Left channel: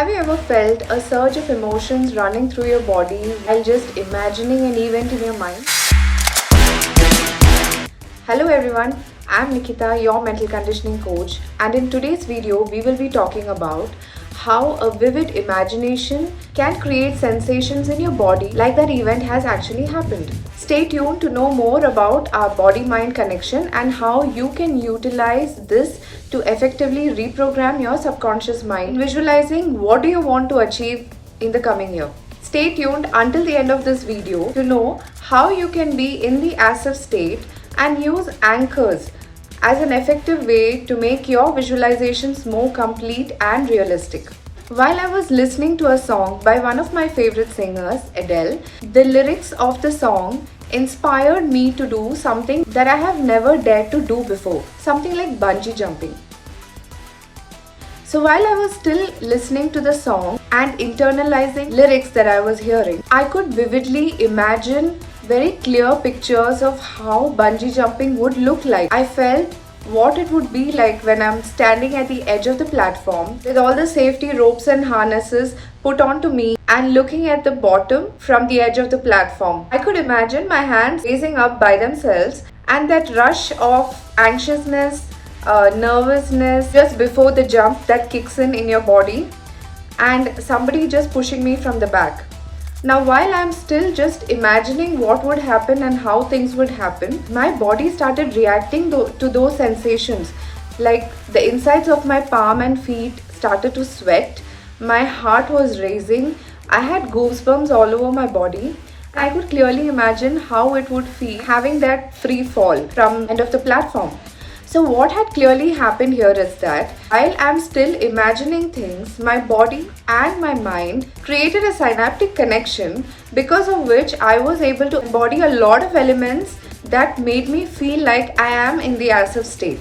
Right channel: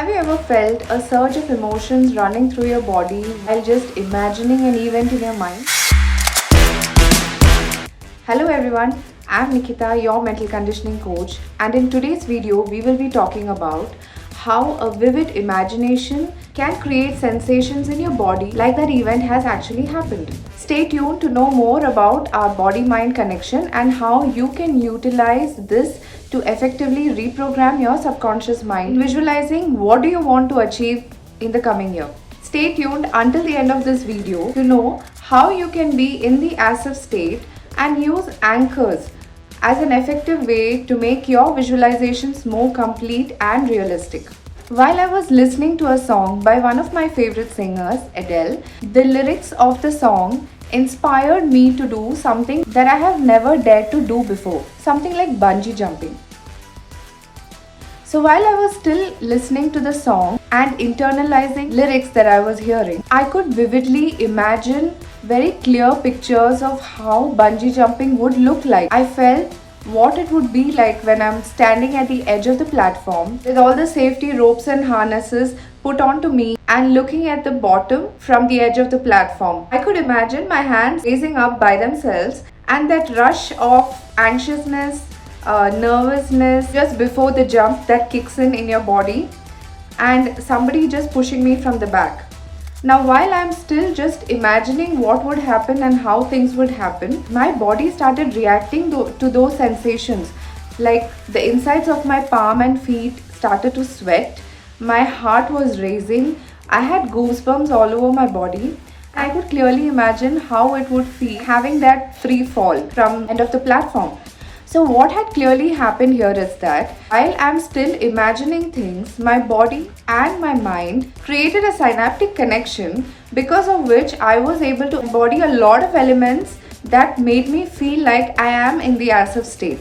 Have you ever felt a surge of emotions running through your body while just imagining an event in your mind? Hello everyone, I'm Nikita, your mental conditioning coach, and in today's video, we will be talking about how a vivid imagination can create sensations in your body like that event has actually happened. Stay tuned to know more about our body-mind connection and how you can utilize this to effectively reprogram your subconscious mind, visualizing what do you want to achieve in the coming year. Stay tuned until the end of this video to know how you can be in the as if state and use anchors as an effective way to make your visualizations more complete and realistic. While I was listening to a song by one of my favorite singers, Adele, the lyrics of the song inspired me to do something that I have never dared to do before, something like bungee jumping. So while I was still listening to the song and internalizing lyrics that I was hearing, I could vividly imagine very clear pictures of how bungee jumping would look like. I felt what it would be like when I'm standing at the edge of the platform with all the safety ropes and harnesses put onto me and looking at the bottom from the edge of the platform. I could imagine my hands raising up by themselves and that rush of anxiousness, nervousness just before the jump that kicks in your body, and somebody just pushing me from the back. Now, while I'm still just imagining what would happen and how things would happen, my body started reacting to those sensations. Like the insides of my palm and feet started to sweat, my heart was racing, I had goosebumps all over my body. I could clearly imagine how it would feel having that free fall from the end of the platform. So what had clearly happened here is that while I'm still imagining things, my body and my mind created a synaptic connection because of which I was able to embody a lot of elements that made me feel like I am in the as if state.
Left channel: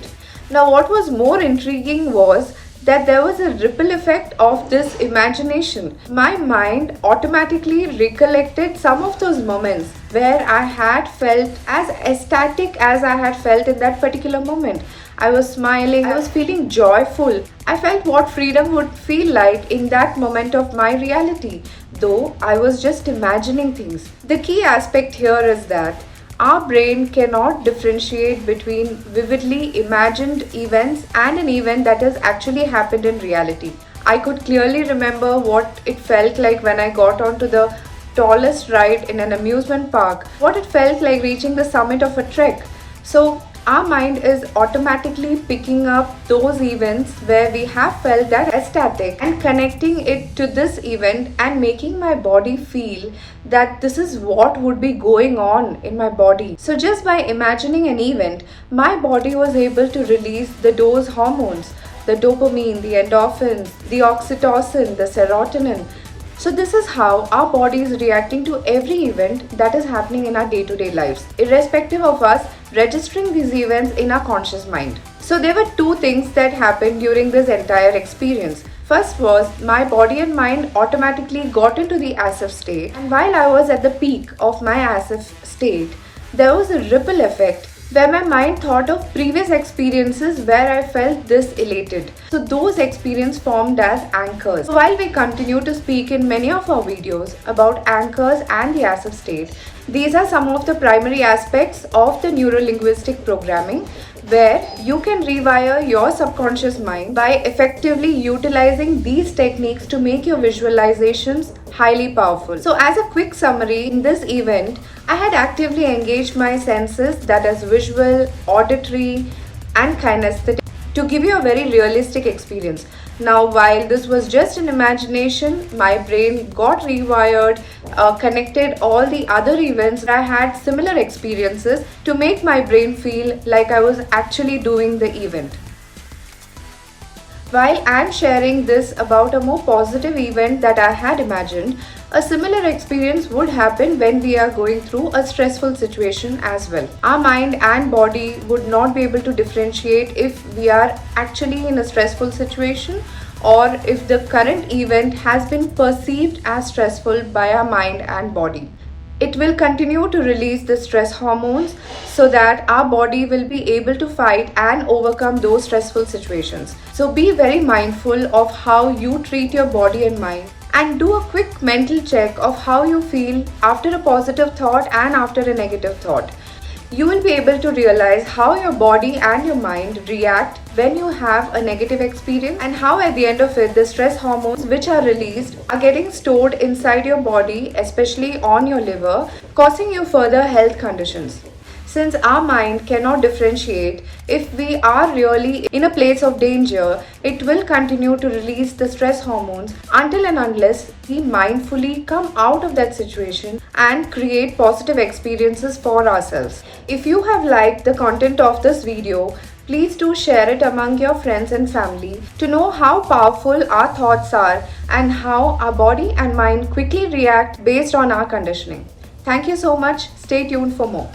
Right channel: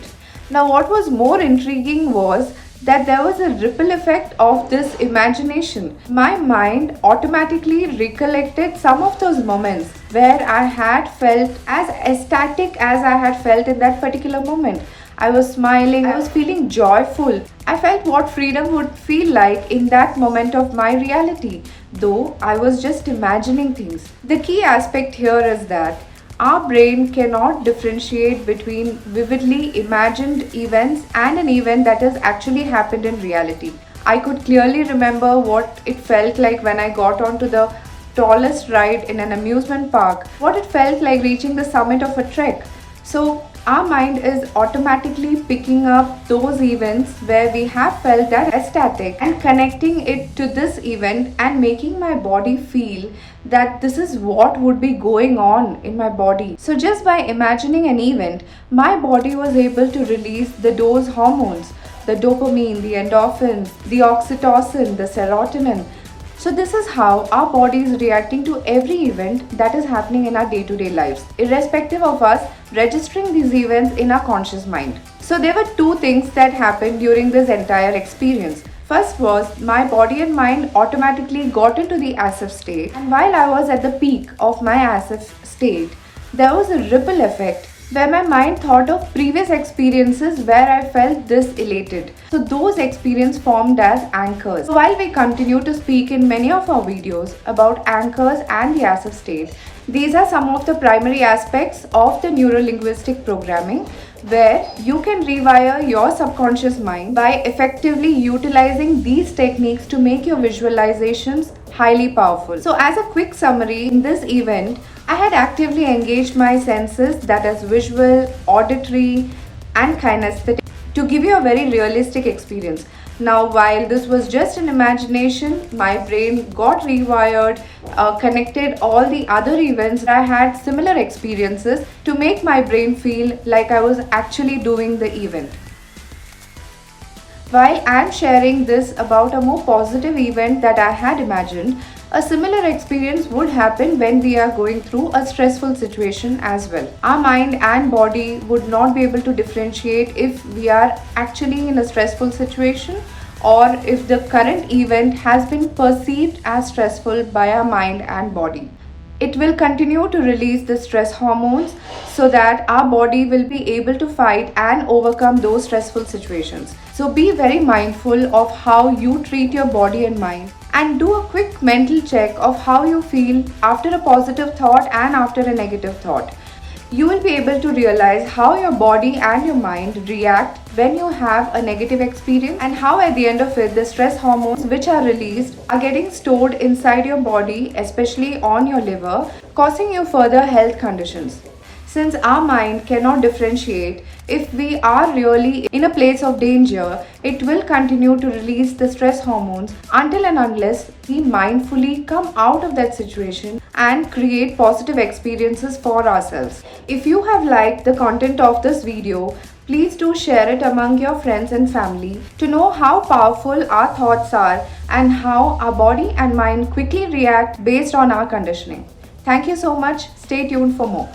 Now what was more intriguing was that there was a ripple effect of this imagination. My mind automatically recollected some of those moments where I had felt as ecstatic as I had felt in that particular moment. I was smiling, I was feeling joyful. I felt what freedom would feel like in that moment of my reality, though I was just imagining things. The key aspect here is that our brain cannot differentiate between vividly imagined events and an event that has actually happened in reality. I could clearly remember what it felt like when I got onto the tallest ride in an amusement park, what it felt like reaching the summit of a trek. So our mind is automatically picking up those events where we have felt that ecstatic and connecting it to this event and making my body feel that this is what would be going on in my body. So just by imagining an event, my body was able to release those hormones, the dopamine, the endorphins, the oxytocin, the serotonin. So this is how our body is reacting to every event that is happening in our day-to-day lives, irrespective of us registering these events in our conscious mind. So there were two things that happened during this entire experience. First was my body and mind automatically got into the as if state, and while I was at the peak of my as if state, there was a ripple effect where my mind thought of previous experiences where I felt this elated. So those experiences formed as anchors. So while we continue to speak in many of our videos about anchors and the as if state, these are some of the primary aspects of the neuro-linguistic programming where you can rewire your subconscious mind by effectively utilizing these techniques to make your visualizations highly powerful. So as a quick summary, in this event, I had actively engaged my senses, that is visual, auditory and kinesthetic, to give you a very realistic experience. Now while this was just an imagination, my brain got rewired, connected all the other events. I had similar experiences to make my brain feel like I was actually doing the event. While I'm sharing this about a more positive event that I had imagined, a similar experience would happen when we are going through a stressful situation as well. Our mind and body would not be able to differentiate if we are actually in a stressful situation or if the current event has been perceived as stressful by our mind and body. It will continue to release the stress hormones so that our body will be able to fight and overcome those stressful situations. So be very mindful of how you treat your body and mind, and do a quick mental check of how you feel after a positive thought and after a negative thought. You will be able to realize how your body and your mind react when you have a negative experience, and how at the end of it the stress hormones which are released are getting stored inside your body, especially on your liver, causing you further health conditions. Since our mind cannot differentiate if we are really in a place of danger, it will continue to release the stress hormones until and unless we mindfully come out of that situation and create positive experiences for ourselves. If you have liked the content of this video, please do share it among your friends and family to know how powerful our thoughts are and how our body and mind quickly react based on our conditioning. Thank you so much. Stay tuned for more.